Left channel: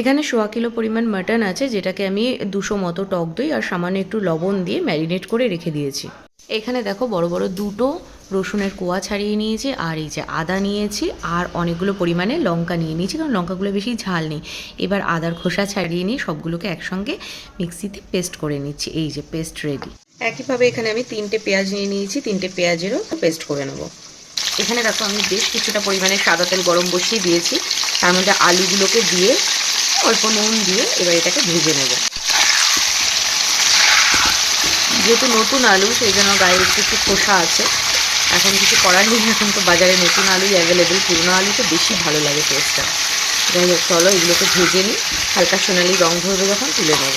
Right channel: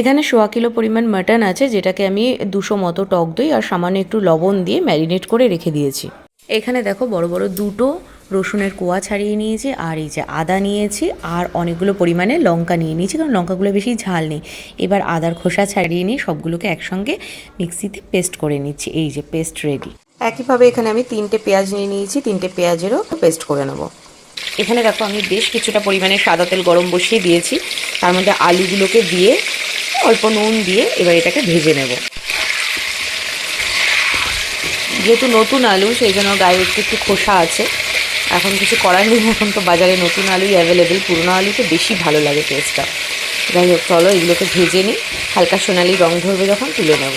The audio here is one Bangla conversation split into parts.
এখানে 1.25 কিলো পরিমাণ মাটন আছে, যেটাকে আমি 200 মতো টক দই আর সামান্য একটু লবণ দিয়ে ম্যারিনেট করে রেখে দিয়েছি। এখানে দেখো বড় বড় দুটো রসুনের কোয়া ছাড়িয়ে নিয়েছি, আর এই যে আদা নিয়েছি, আর অনেকগুলো পরিমাণে লঙ্কা নিয়ে নিয়েছি, কারণ লঙ্কাগুলো বেশি ঝাল নেই। এবার আদার খোসা ছাড়িয়ে নিয়ে সবগুলোকে একসঙ্গে মিক্সিতে পেস্ট করে নিচ্ছি। এই যে পেস্ট রেডি। একইভাবে এখানে আমি 3টে পেঁয়াজ নিয়ে নিয়েছি, 3টে পেঁয়াজেরও পেস্ট করে নেব। এখানে দেখো আমি বেশ কিছুটা পরিমাণে সাদা তেল গরম বসিয়ে দিয়েছি, তার মধ্যে আলুগুলোকে দিয়ে অল্প নুন দিয়ে এবার এটাকে ভেজে নেব। যেহেতু নতুন আলু সেই জন্য গায়ে একটু একটু খোসা আছে, এখন কিছু করার নেই, এখন তো বাজারে নতুন আলুই অ্যাভেলেবেল, পুরোনো আলুতে বেশি ভালো লাগে টেস্টটা। যাই হোক, চলো এগুলোকে ভেজে নিই, হালকা সোনালি রং ধরবে যখন তুলে নেব।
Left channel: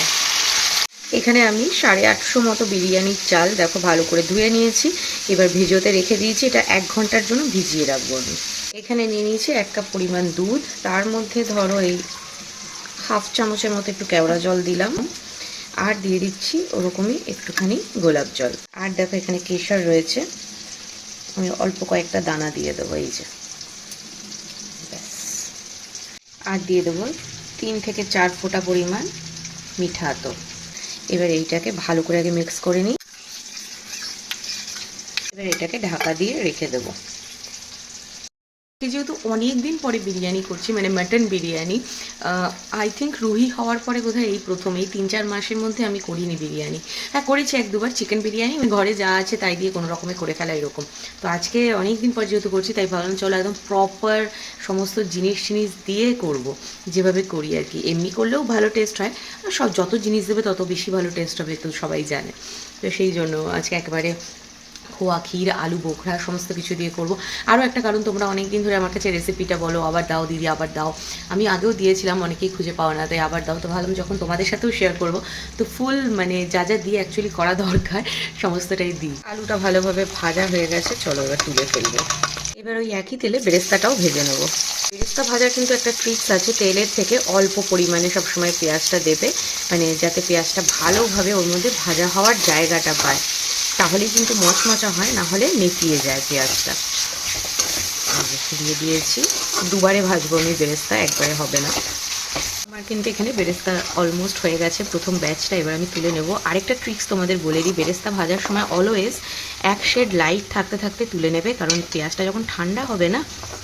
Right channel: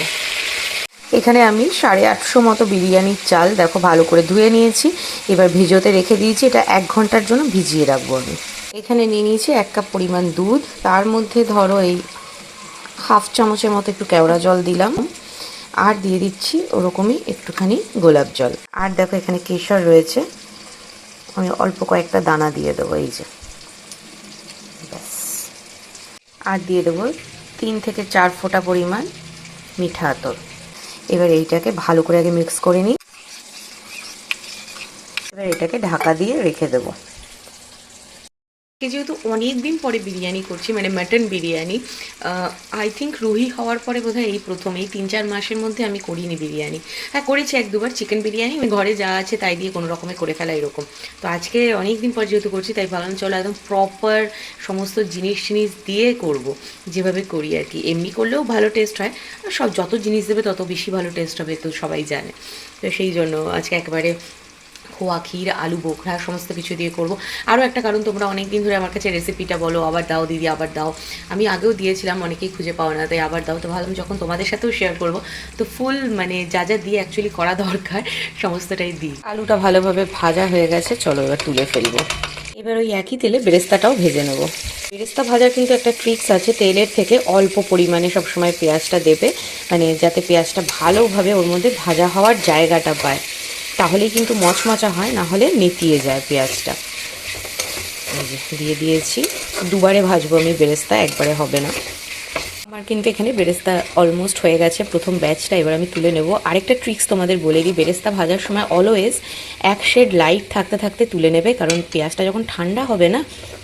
এখানে আমি 850 মতো বিরিয়ানির চাল দেখো ভালো করে ধুয়ে নিয়েছি, এবার ভিজোতে রেখে দিয়েছি। এটা 1 ঘন্টার জন্য ভিজিয়ে রাখবো আমি। এখানে নিয়ে নিয়েছি 1 কাপ পরিমাণ দুধ, তার মধ্যে ধরো এই হাফ চামচের মতো একটু কেওড়া জল দিলাম, আর দিয়ে দিচ্ছি ওরকমই একটুখানি গোলাপ জল। আর দেখো এখানে কেশর রয়েছে, আমি অল্প কয়েকটা দানা দিয়ে দেবো, এই যে ব্যাস। আর দিয়ে দেবো 3 থেকে 4 ফোঁটা পরিমাণ মিঠা আতর। এবার এইটাকে ভালো করে আগে মিক্স করে নিই, এবার এটাকে ঢাকা দিয়ে রেখে দেবো। যেহেতু অনেক দিন পরে বিরিয়ানি করছি, মানে mutton biryani, I think Ruhi হওয়ার পরে বোধহয় এই প্রথম, এই 3-4 মাসের মধ্যে আমি করিনি বিরিয়ানি। হ্যাঁ করেছি 1-2বার চিকেন বিরিয়ানি, ঘরে যা আছে তাই দিয়ে কোনো রকমে করে ফেলা এরকম। তো আজকে অনেক দিন পর যেহেতু করছি, তাই ভাবলাম চলো একদম প্রপার সমস্ত জিনিস দিয়ে করব, যেভাবে করি আর কি। এমনি করলেও ভালো টেস্ট হয়, আর সব যত জিনিস দেবে তত বেশি ভালো টেস্ট হবে, তো সবাই জানে। তো সেই জন্য আজকে একেবারে খোয়া ক্ষীর আলু বোখরা সমস্ত কিছু দিয়ে করব। আরও একটা কারণ, তোমরা অনেক দিন ধরে আমার কাছে রেসিপিটা বলো, আবার দাও দিদি আবার দাও। আমি আগেও দিয়েছিলাম, অনেকেই খুঁজে পাও না, তাই আবার দাও। তো ভাবলাম যখন তোমাদের সাথেও শেয়ার করব, তো ফুল মানে যা যা দিয়ে অ্যাকচুয়ালি করা দরকার সমস্তটাই দিই। আলুটা ভালোভাবে ভাজা হয়ে গেছে, চলো এবার তুলে ফেলবো। এবার ওই একই তেলে বেরেস্তাটাও ভেজে নেব। বেরেস্তা ভাজার কিন্তু একটা ট্রিক্স আছে, তেলের থেকে অল্প পরিমাণে সবসময় পেঁয়াজটা দেবে, মানে যাতে পেঁয়াজটা ভালোভাবে ওর মধ্যে ভাজা হওয়ার জায়গাটা পায়, তাহলেই কিন্তু মচমচা হয়, না হলে নেতিয়ে যায় পেঁয়াজটা। দিয়ে দিয়েছি, দুবারে ভাজবো আমি বেরেস্তা, একবারে হবে না। আমার কিন্তু এখানে বেরেস্তা অলমোস্ট হয়ে গেছে প্রথম ব্যাচটা, এবার আমি তুলে নেব। আরেকটা ট্রিক্স তোমাদের বলে দিই, বেরেস্তা ভাজার সময় অলওয়েজ 1 শেড লাইট থাকতে থাকতে তুলে নেবে, কারণ পেঁয়াজটা যখন ঠান্ডা হবে না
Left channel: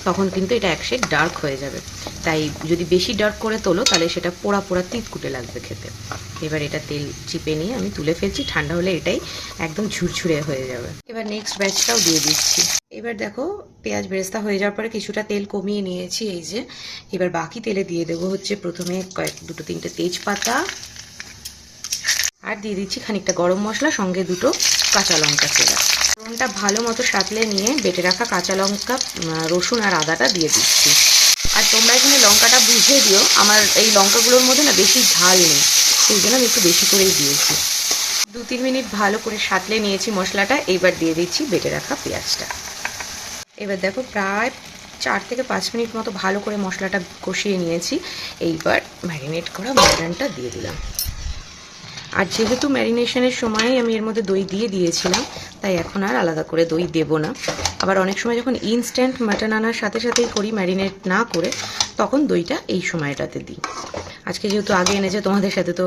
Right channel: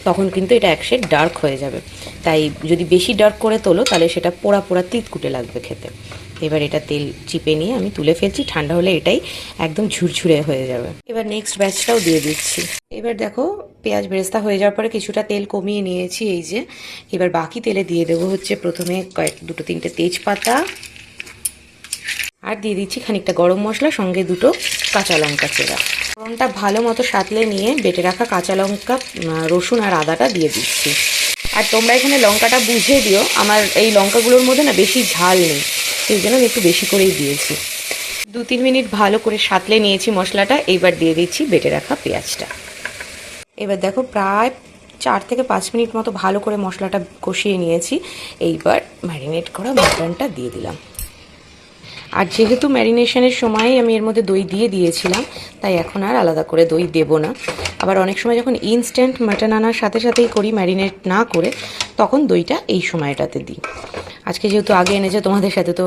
তখন কিন্তু এটা 1 শেড ডার্ক হয়ে যাবে। তাই যদি বেশি ডার্ক করে তোলো তাহলে সেটা পোড়া পোড়া তিতকুটে লাগবে খেতে। এবার এটা তেল চিপে নিয়ে আমি তুলে ফেলছি, ঠান্ডা হলে এটাই একদম ঝুরঝুরে হয়ে যাবে। এবার নেক্সট ব্যাচটাও দিয়ে দিচ্ছি। এবার দেখো পেঁয়াজ বেরেস্তা হয়ে যাওয়ার পরে কিছুটা তেল কমিয়ে নিয়েছি, এই যে। এবার বাকি তেলে দিয়ে দেবো হচ্ছে প্রথমে 2-3টে তেজপাতা, আর দিয়ে দিচ্ছি খানিকটা গরম মশলা, সঙ্গে 2টো কাঁচা লঙ্কা চেরা। ফোড়নটা ভালো মতো সাঁতলে নিয়ে বেটে রাখা কাঁচা লঙ্কা, রসুন আর আদাটা দিয়ে দিচ্ছি। আর তোমরা এখানে লঙ্কাটা বুঝে দিও, আমার এই লঙ্কাগুলোর মধ্যে না বেশি ঝাল নেই, সেই জন্য আমি একটু বেশি করেই দিয়েছি। 2-3 মিনিট ভালো করে সাঁতলে নিয়েছি মশলাটা, এইবার দিয়ে দিচ্ছি বেটে রাখা পেঁয়াজটা। এবার দেখো প্রায় 4 থেকে 5 মিনিট মতো ভালো করে মশলাটা কষিয়ে নিয়েছি, এইবার ম্যারিনেট করা মাটনটা দিয়ে দিলাম। আর যেহেতু ম্যারিনেশনের সময় আমি এর মধ্যে দই দিয়ে দিয়েছিলাম, তাই এখন আর আলাদা করে দই দেব না। আবার অনেক সময় যখন ইনস্ট্যান্ট মাটন আনার সাথে সাথেই করি ম্যারিনেট না করে, তখন দইটা এই সময়টাতে দিই। আজকে যেহেতু আগে এনেছে, তোমাদের সাথে তো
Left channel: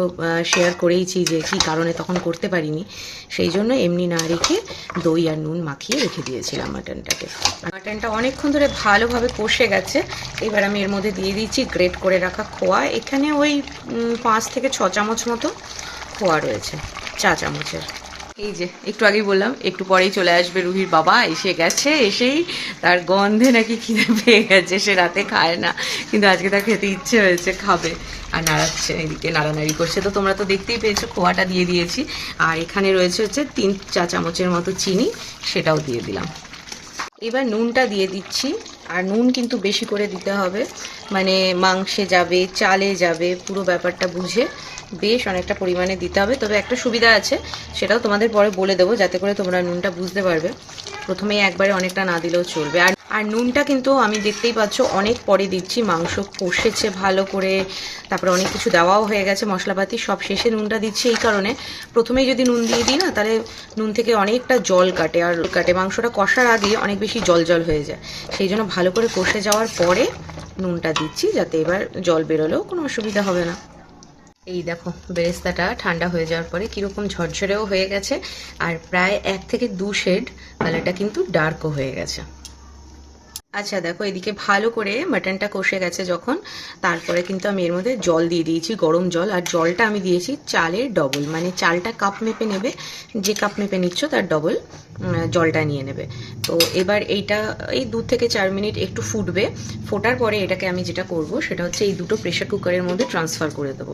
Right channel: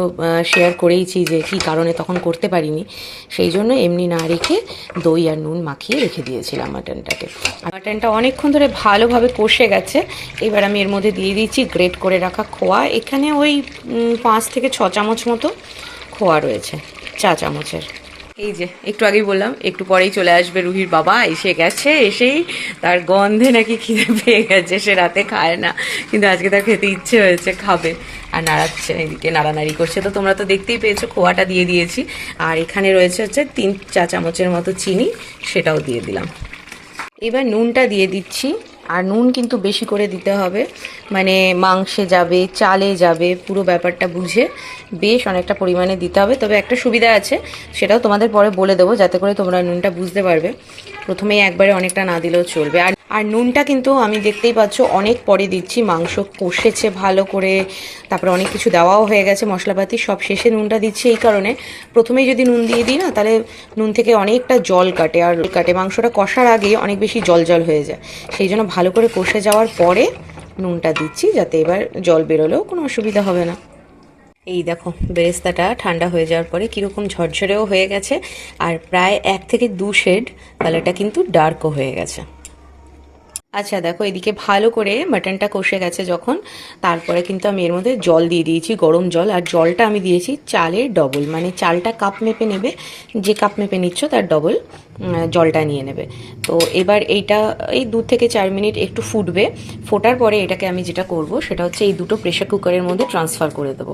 শেয়ার করেইছি যে কী কারণে তখন করতে পারিনি, সেই জন্য এমনি না রেখে দই আর নুন মাখিয়ে রেখে দিয়েছিলাম মাটনটাকে। আর মাটনটা অনেকক্ষণ ধরে ভালোভাবে কষে গেছে, এবার আমি এর মধ্যে দিয়ে দিচ্ছি গ্রেট করে রাখা খোয়া। এখানে ওই 5 থেকে 6 চামচ মতো খোয়া রয়েছে, চা চামচের। এই যে একটু আগেই বললাম একটু পরেই চলে আসবে রুহির বাবা, এসে গেছে। এসেই তার গন্ধে নাকি খিদে পেয়ে গেছে, সে রাতে খায় না, কিন্তু আজকে তার খেতে ইচ্ছে হয়েছে, খাবে। আর নাড়াচ্ছে, এদিকে নাড়ানাড়ি করছে। তো তোমরা তো দেখতেই পেয়েছো, খোয়াটা দিয়ে দিয়েছি। আর এখানে রয়েছে হচ্ছে 3 চা চামচের মতো চিনি, সেটাও দিয়ে দিলাম। এবার নুনটা দিয়ে দিচ্ছি, আর নুন কিন্তু বেশি করে দিতে হবে, মানে মাংসে যাবে, চালে যাবে, পুরো ব্যাপারটা বুঝে বেশ অনেকটা পরিমাণে দিতে হবে। তবে একটা সুবিধা আছে, সেটাও তোমাদের পরে বলে দেবো, যাতে করে তোমরা নুনটা বুঝতে পারবে। প্রথমেই একবারে অনেকটা না দিলেও চলবে। আর নুনটা কিন্তু আমি দেখতেই পাচ্ছ অনেক পরে দিচ্ছি, মাংস কষেছে ভালো করে, তারপরে অনেক কিছু দেওয়াও হয়ে গেছে মশলাপাতি, সব শেষে নুনটা দিচ্ছি এই কারণে, প্রথমেই যদি নুন দিয়ে দিই না তাহলে নুন থেকে অনেকটা জল কাটে, আর মাংসটা কষার আগে অনেক বেশি জল জল হয়ে যায়। সেই জন্য ভালো করে কষে যাওয়ার পরে নুনটা দিচ্ছি যাতে এবার জল বেরোলেও কোনো অসুবিধা হবে না। এই দেখো বেরেস্তাটা ঠান্ডা হয়ে যাওয়ার পরে কীরকম ঝরঝরেও হয়ে গেছে, আর প্রায় 1 থেকে 2 শেড কালারটা কিন্তু ডার্কও হয়ে গেছে। আচ্ছা দেখো এদিকে ভালো করে মাটনটা কষে গেছে যখন, তারপরে কিন্তু আমি এর মধ্যে জল দিয়ে দিয়েছি, গরম জল। আর জলটা আমি দিয়েছি চালের ডবল, মানে চালটা কাপ মেপে নেবে, যে কাপ মেপে নিচ্ছ তার ডবল জলটা নিয়ে নেবে। তো এবার এইটা এই 2 থেকে 4 মিনিট একটু ফুটবে। ফোটার পরে এটাকে আমি যেটা করব সেটা হচ্ছে এই দুটো প্রেশার কুকারের মধ্যে ট্রান্সফার করে দেবো।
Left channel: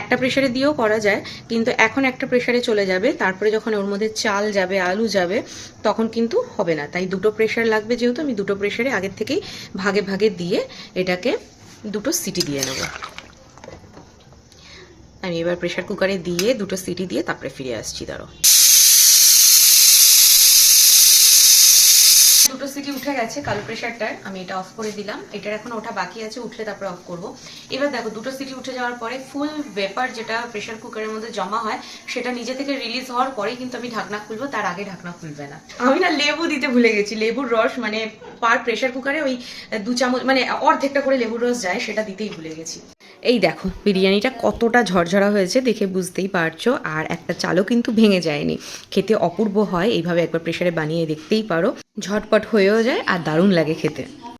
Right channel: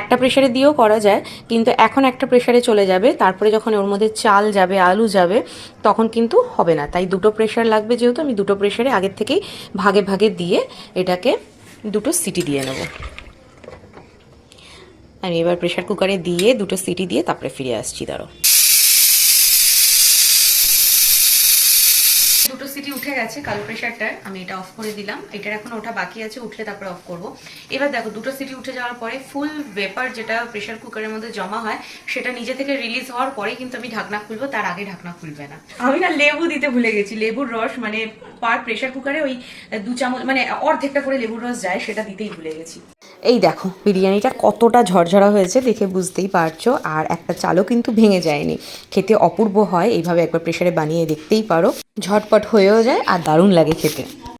একটা প্রেশারে দিয়েও করা যায়, কিন্তু এখন একটা প্রেশারে চলে যাবে, তারপরে যখন ওর মধ্যে চাল যাবে, আলু যাবে, তখন কিন্তু হবে না। তাই দুটো প্রেশার লাগবে, যেহেতু আমি দুটো প্রেশারে আগের থেকেই ভাগে ভাগে দিয়ে এটাকে 2টো সিটি দিয়ে নেব। আমি এবার প্রেশার কুকারে দিয়ে 2টো সিটি দিয়ে তারপরে ফিরে আসছি। দাঁড়ো, 2টো সিটি উঠে গেছে কালো প্রেশারটার, আমি এটা অফ করে দিলাম। এটার এখন ওঠা বাকি আছে, উঠলে তারপরে অফ করব। এবার দেখো 2টো সিটি উঠে যাওয়ার পরে ফুল ভেপার যেটা প্রেশার কুকারের মধ্যে জমা হয় সেটা নিজে থেকে রিলিজ হওয়ার পরে কিন্তু আমি ঢাকনা খুলবো, তার আগে ঢাকনা খুলবে না। আমি না লেবু দিতে ভুলে গেছি, লেবুর রস, মানে পার প্রেশার কুকারে ওই 2 চামচ, মানে অর্ধেকটা করে লেবুর রস যায়, সেটা দিতেই ভুলে গেছি। এই দেখো বিরিয়ানিটা কতটা ঝরঝরা হয়েছে দেখে বুঝতেই পারছো, আর একটা চালও কিন্তু ভেঙে যায়নি। খেতে অপূর্ব হয়, এইভাবে একবার প্রেশারে বানিয়ে দেখতেই পারো, ঝটপট হয়েও যায় আর দারুণ লাগে খেতে।